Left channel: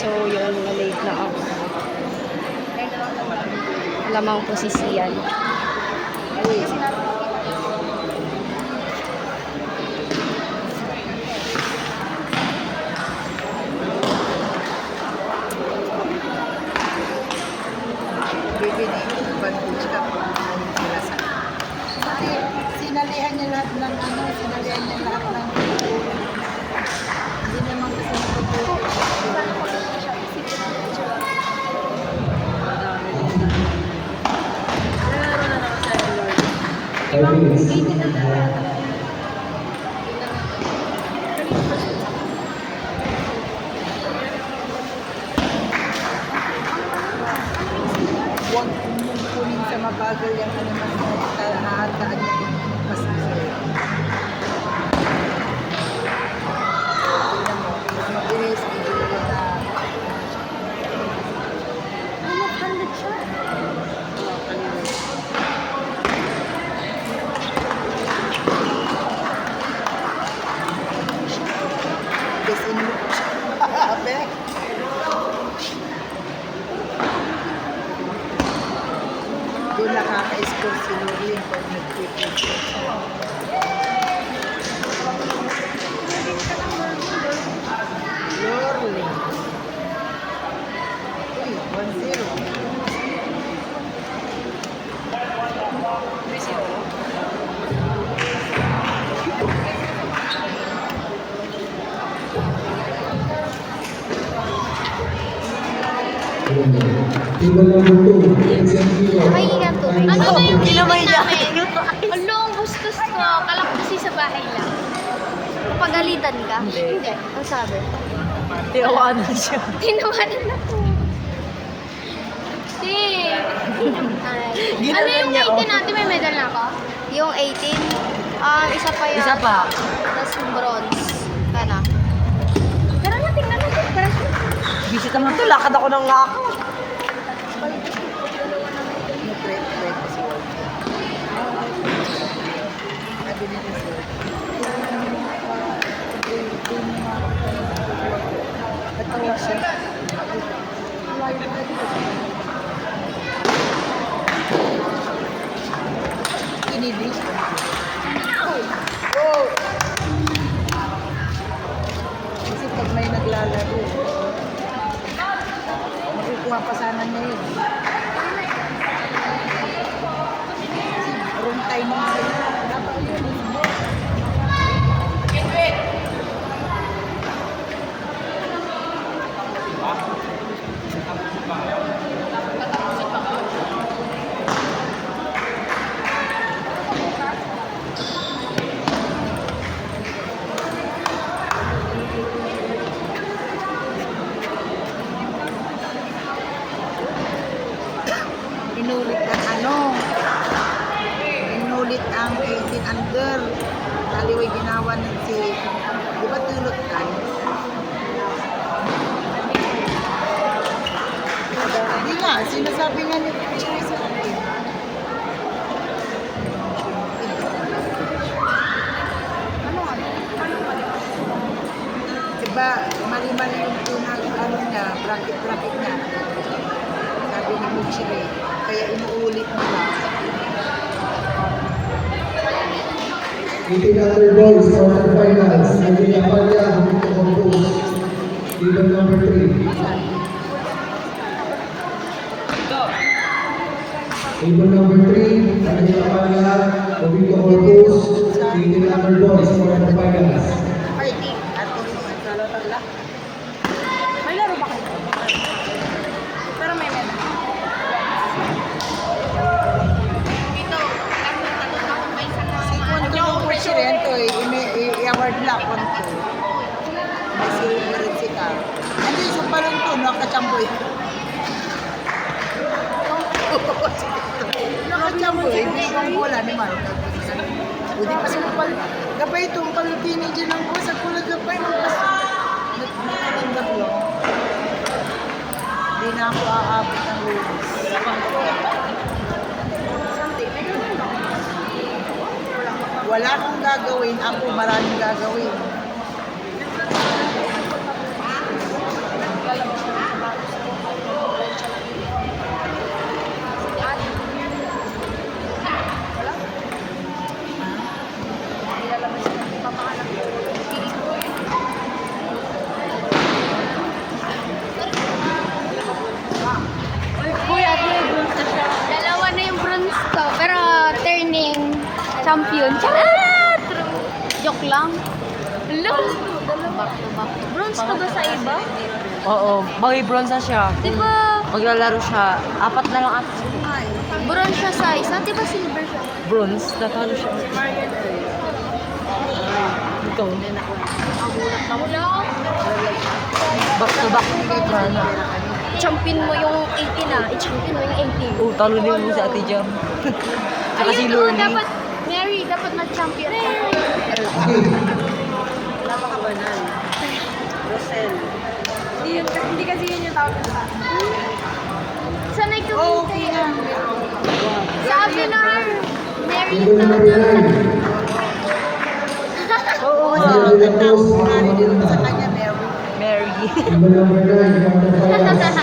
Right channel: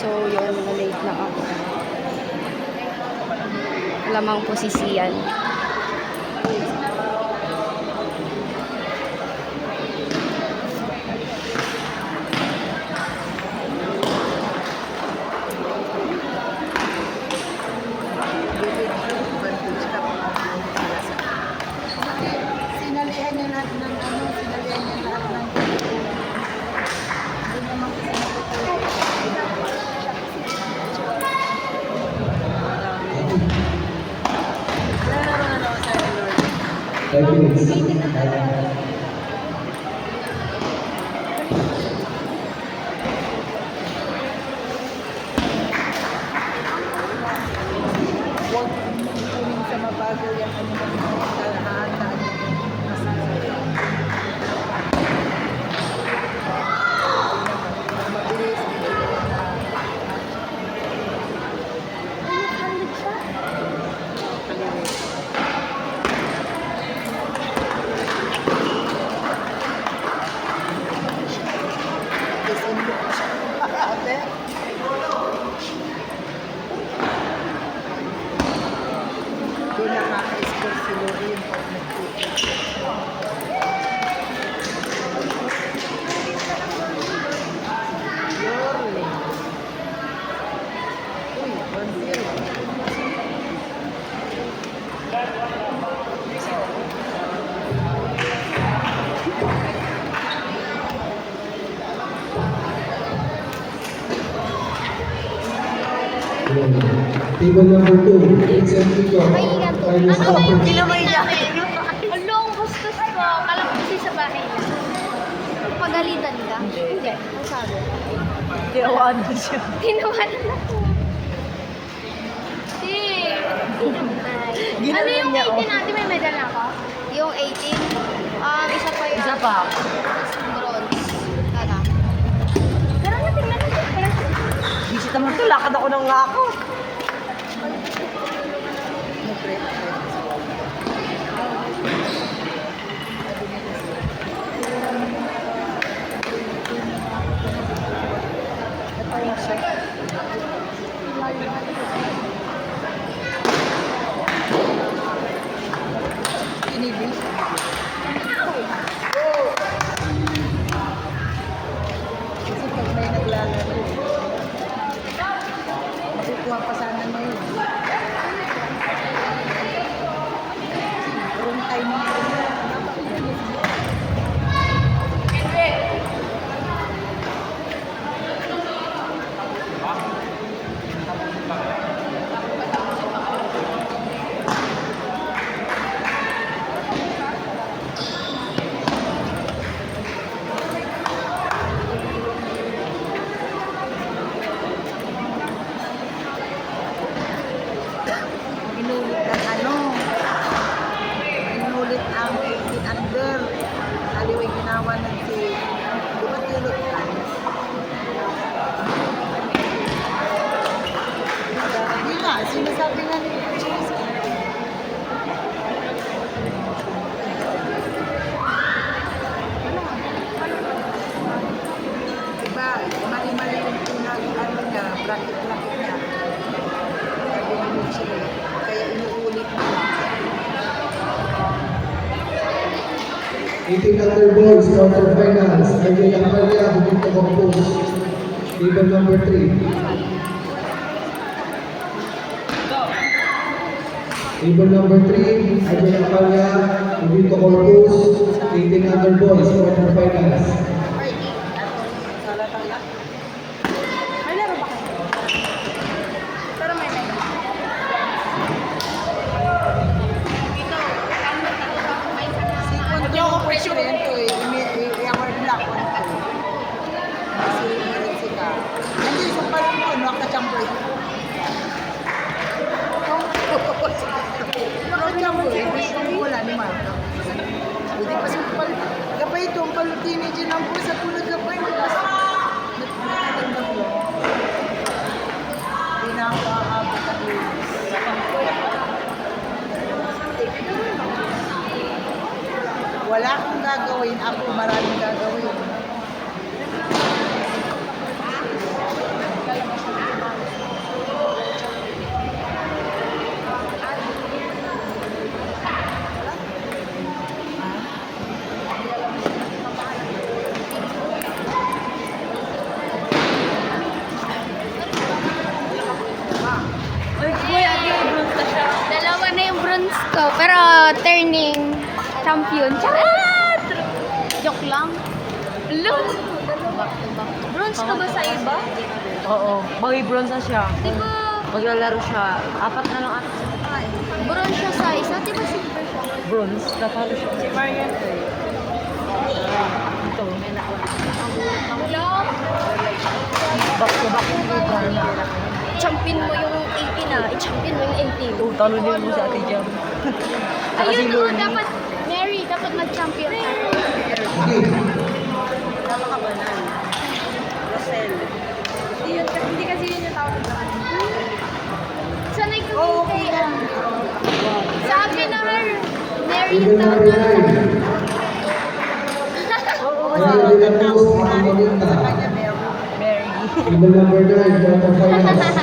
So, yun, na-late na ako. Lamang po si Sian. Sinalihan niya lahat ng sinalihan niya lahat ng hindi naman kasi kuning sa mabagal yan hahandaan niya mas Hindi nakaka-score si Lori yung pag nag-tweet. Lori. Uy, 1-0. Table number 2, Excelsior. Ano ba yung Kinamay niya. Long gustos ko. Kala ko kasi sa bahay lang. Pagalitan ka? Hindi. Ang sabi? Tinawanan siya. Tinawanan ako. Ano Ginanon yung niya, 18 natin? May medal na ako? Yung 18? Isa pa yun. Isa pa. Tapos yung bronze. Kana. Pero nga, tingnan mo. Bisita mo ito. Lakad ako ng lakad. Nag-trade si Walter. Sabi nito siya. Kinibig. Kasi pag may naglalaro, makukuha pa sana niya yun. Wrong timing sila. Inulit ang 18 under. Aliway ginawa ng si, di ba tulog ka? Hindi nga, sinasabi nga ni Chris. Diba, mali-mali yung tunag niya, bracket niya. Sabi ni Michelle, kaya inuulit mo. 18 other boys, quarterfinals. Angela Amalia, Humito Compose. Table number 3. Table number 3, Angela Amalia, Humito Compose. 18 other boys, quarterfinals. Fighting. Tala-tala. May laro ba? Pero may medal. Si Kwento Presidente, i-award na ako. Kasi rin si Ka. Nandiyan sa palangko, nakachamboy. Nakachamboy, wala naman. Hindi pa sa kapal. Gabay itong kalutini dyan ang sa kulag gabay mo. Nagtanggap lang. Hindi na ako aabot ang ulos. Wala akong gagawin. Ako maraming gagawin. yun. Charot! Joke lang. Hello! Back to back. Bronze ka ba sa iba? Oo. Bagay bronze na siya. Di ba Maglalaro siya. 4 na lang at bronze siya sa isa? Di ba silver siya? bronze. Natalo siya. Si Marian ay. Ito. Wala. Back to back yung paper na. Champion mo yung 18 ah. I-champion mo yung 18. Oh, talo din mo si Ate Jam. Saka si Ayun, Lorne. dapat, Mary, dapat mag-champion ka. Wala ka banal. Rosel. Hindi kasi yun yung tawag. Sanay ka mo kay, sabi na her, Mary yung tawag namin Oo, Maria de la Cruz, Makamalin Sa na. kanya, meron. Mary. Table number 9, Dr. Fayas.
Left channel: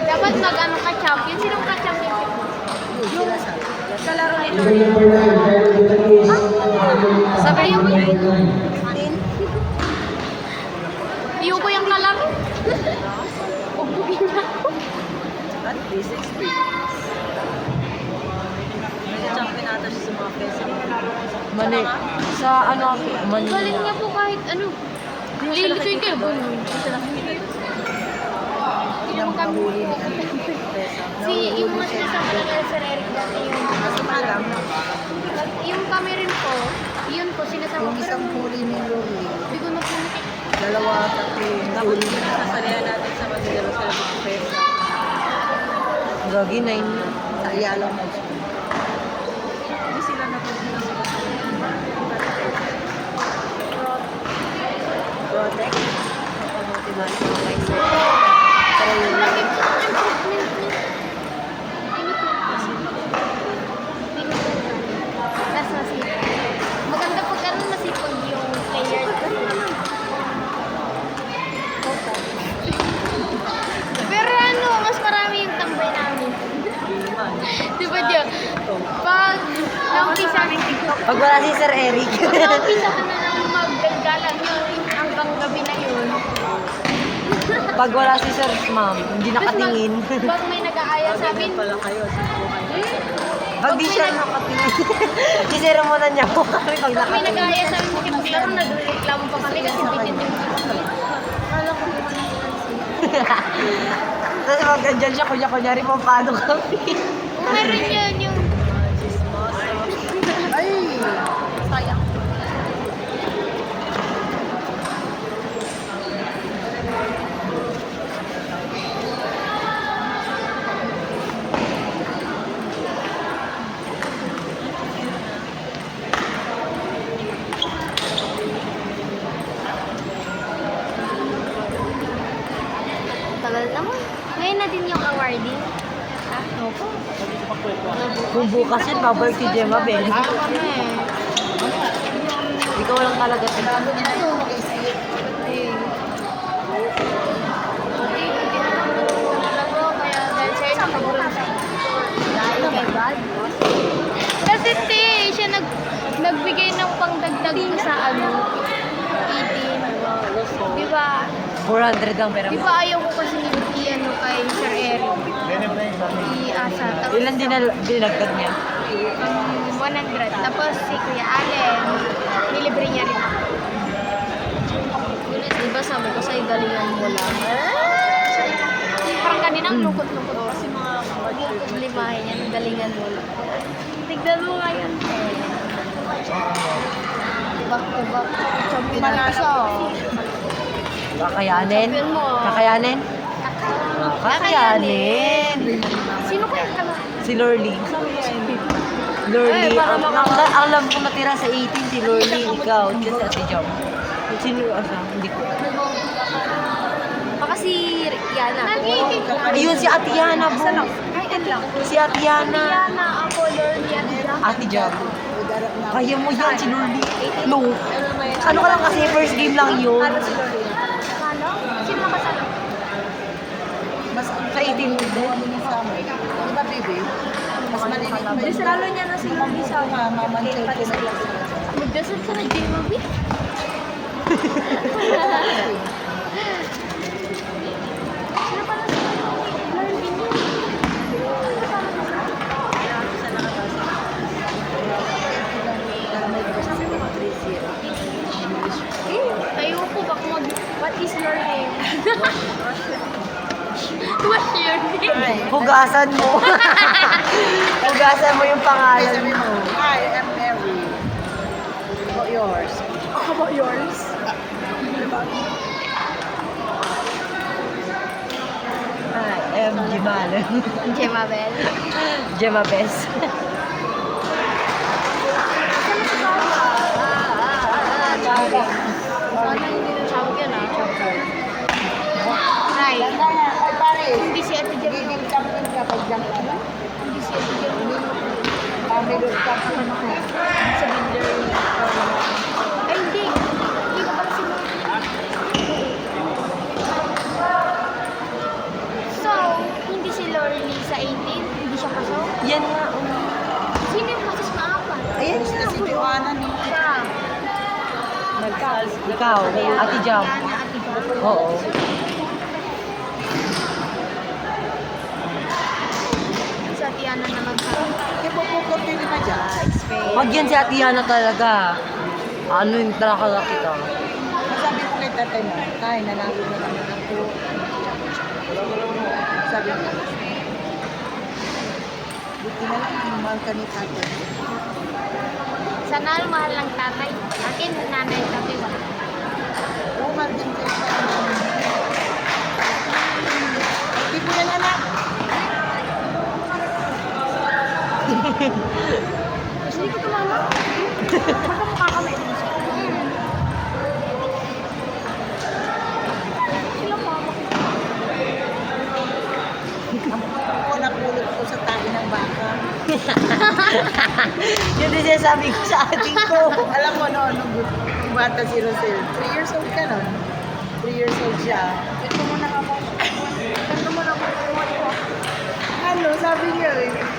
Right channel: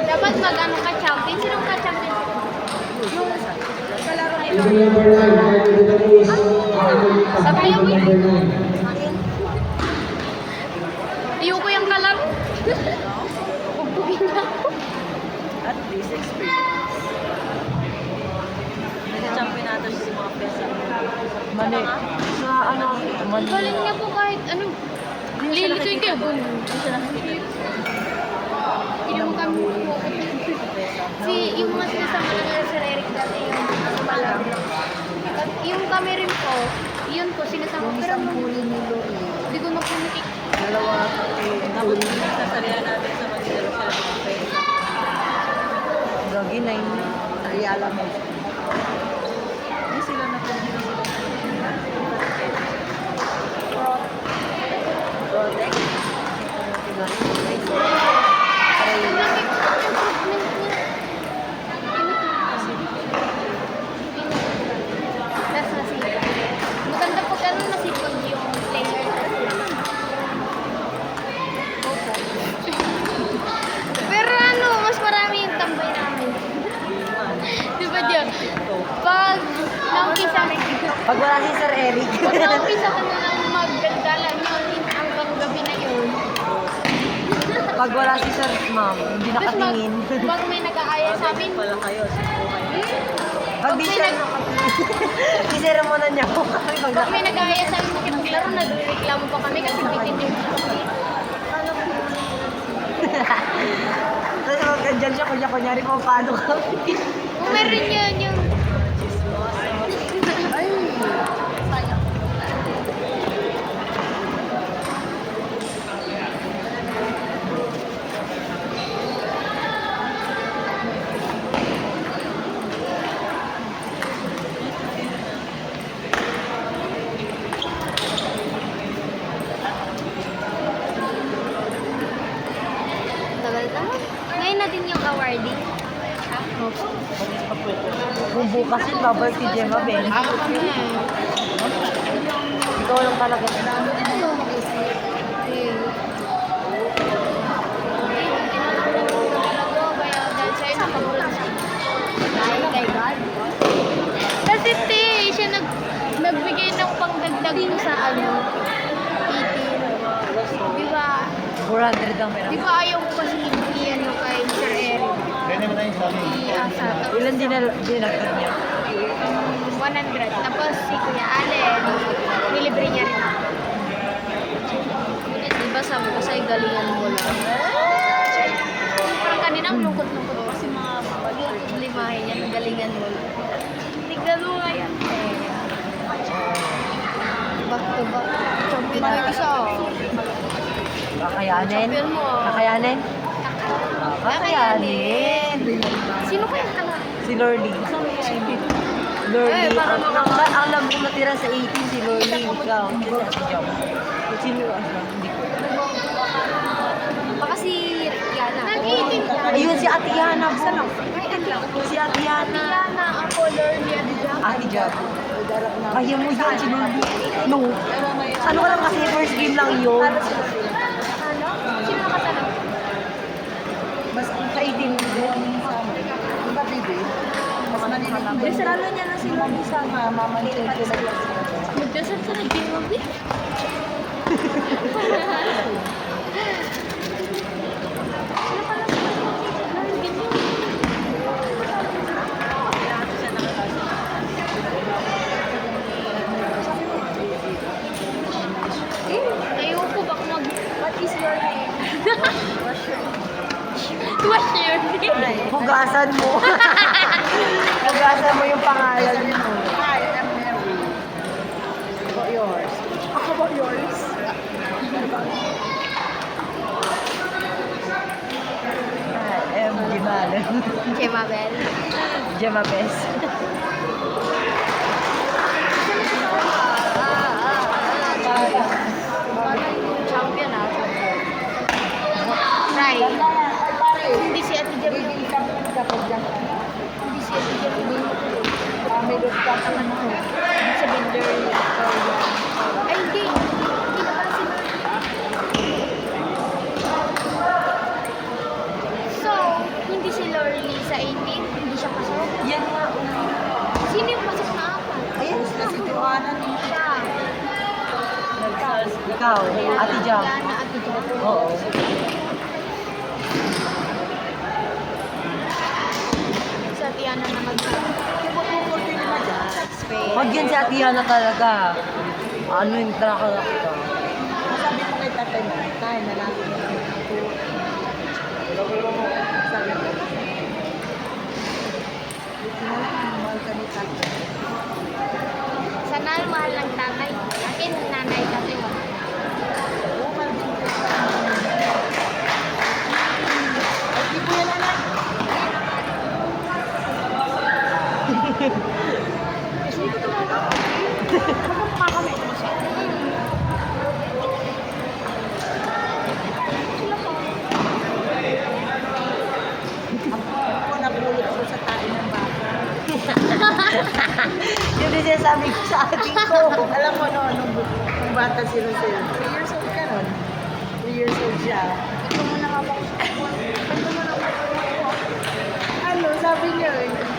Dapat mag-ano ka champion. Sinong ka champion? Table number 9, Maria de la Cruz. Sa kaya mo yun? Number 9. Ayoko yung kalaro. Pupugin na ako. At least experience. Nag-champion nato siya sa mga pesa. Mali. Sa ano? Mali. Galing niya po kahit ano. Lilituin kayo. Hindi siya nakikita. Hindi naman kami Pesa. yung mga sinasama lang nila Sir Eric dati yung mas palaro lang. At yung kami rin po, yun po sinasama. Pero Isang nung huli ni Luli. hindi ko na po nakik... Dalawa pati. Dapat sasalihan natin sa Manila sila mga pesa. Gagi na yun. Sa Ayala mo. Hindi sila na po sila Protect. Ang laki po ang improvement niya. Tinutukan. Tapos nasipag. Maganda pag ano nasipag yung player. Opo. Pero ano, mas marami yung tambay namin. Di ba Diyo? Pag naumpisa Pag wala si Sir Eric. pag naumpisa ka na ng maggagalan yun, hanggang gabi na yun. Pag wala si Sir Ma'am, hindi Tapos nakatingin. pag may nag-aaya sa amin, pala kayo, subukan. pag may, Isira mo na niya ako. pag may nag-aaya sa amin makipaglaro, nagreklamo pa kami kasi bitin yung chismis. Tapos magkandyan siya, kunyari pang paano kami. Meron yun yung... Tagal naman. Ngayon na din yung awarding. Opo. Kung bukas yun, babalik si Gemma Ben. Ako kami. Ikaw lang talaga. Okay. Okay, buti na lang natulog talaga. Kaya dahil sa'yo nakaburon sa dahil kay God. Kasi siya nagbigay ng pangdagdag ko sa ano, 18. Di ba? 400 ang pera. Di ba ayaw ko kasi ano kay Sir Eric? I-asa. Tapos Ilan dinagdag niya? 100. Tapos si Kuya Allen, nilibre niya rin ako. Diba sabi ko sa'yo galingan mo lang. Parang kanina ang lungkot-lungkot ko kasi mga limahin niya, galingan mo lang. Tignan mo nga yan. Back to back. Champion mo yung isa. Kakayanin? Champion mo. Kakayanin? Kakayanin. Sino kaya kala? Si Lorly. Lorly. Eh, para makaka- Alam ko natira sa 18 si Lorly. Ikaw. Diyan si Ate Jom. Sino? Hindi ko. Baka si Yana. Nag-18 ka. Ayun si Ate Yana. Saan ako? Ay, Ate. Si Ate Yana. Yana, ako, Lorny, at Jack. Ate Jom. Kaya mo yan si Lorly. No. Ano ka lang kasi first game lang yun. Ano? Sino nakatalo? Mas Sa 18 din. sa amin. Di ba, baby? Mas malinig. Lalo niya na si Lorny sa Mama, Magdasal sa nag-gym mo, Bi. Wash your face. Hugasan mo. Hugasan mo yung Ay, pangalan sabi mo. mo, hi, I'm Mary. Yours. How about yours? I am Jimal. Jemabel. Gemma Best. Sorry. Champion ah, champion. Try. Hindi si Ate Jam yung... Hindi si Ate Jam yung ano ko. Takan ko. Sa builder. Ay, hindi. Hindi na pala si Lord. So, hindi si Lorly sa 18? Hindi siya pasok? Yan nga. Sino yung pasok na apat? Ayun, sila si Tiwana ni. Siya. Ikaw, Ate Jam. Yan na Ate Jam. Oo. Sa Tiana na magkakaroon. Kunti naman dyan. Wag yan si Ate Yana talaga. Ano yung talaga kita? Sabi ko kay tatay mo, tay, nanalo na naman ako. Sabi ko, buti na lang naman ka ni tatay. Sana mahal ng tatay. Akin, nanay, tatay, wala. Mahal din kayo. Di ko yan anak. Ako napulot ko sa tabi ng baka. Yun din sinasabi ko sa ating ko. Alam mo ano, bata si Rosel. 3 years old ka nun. 3 years old siya.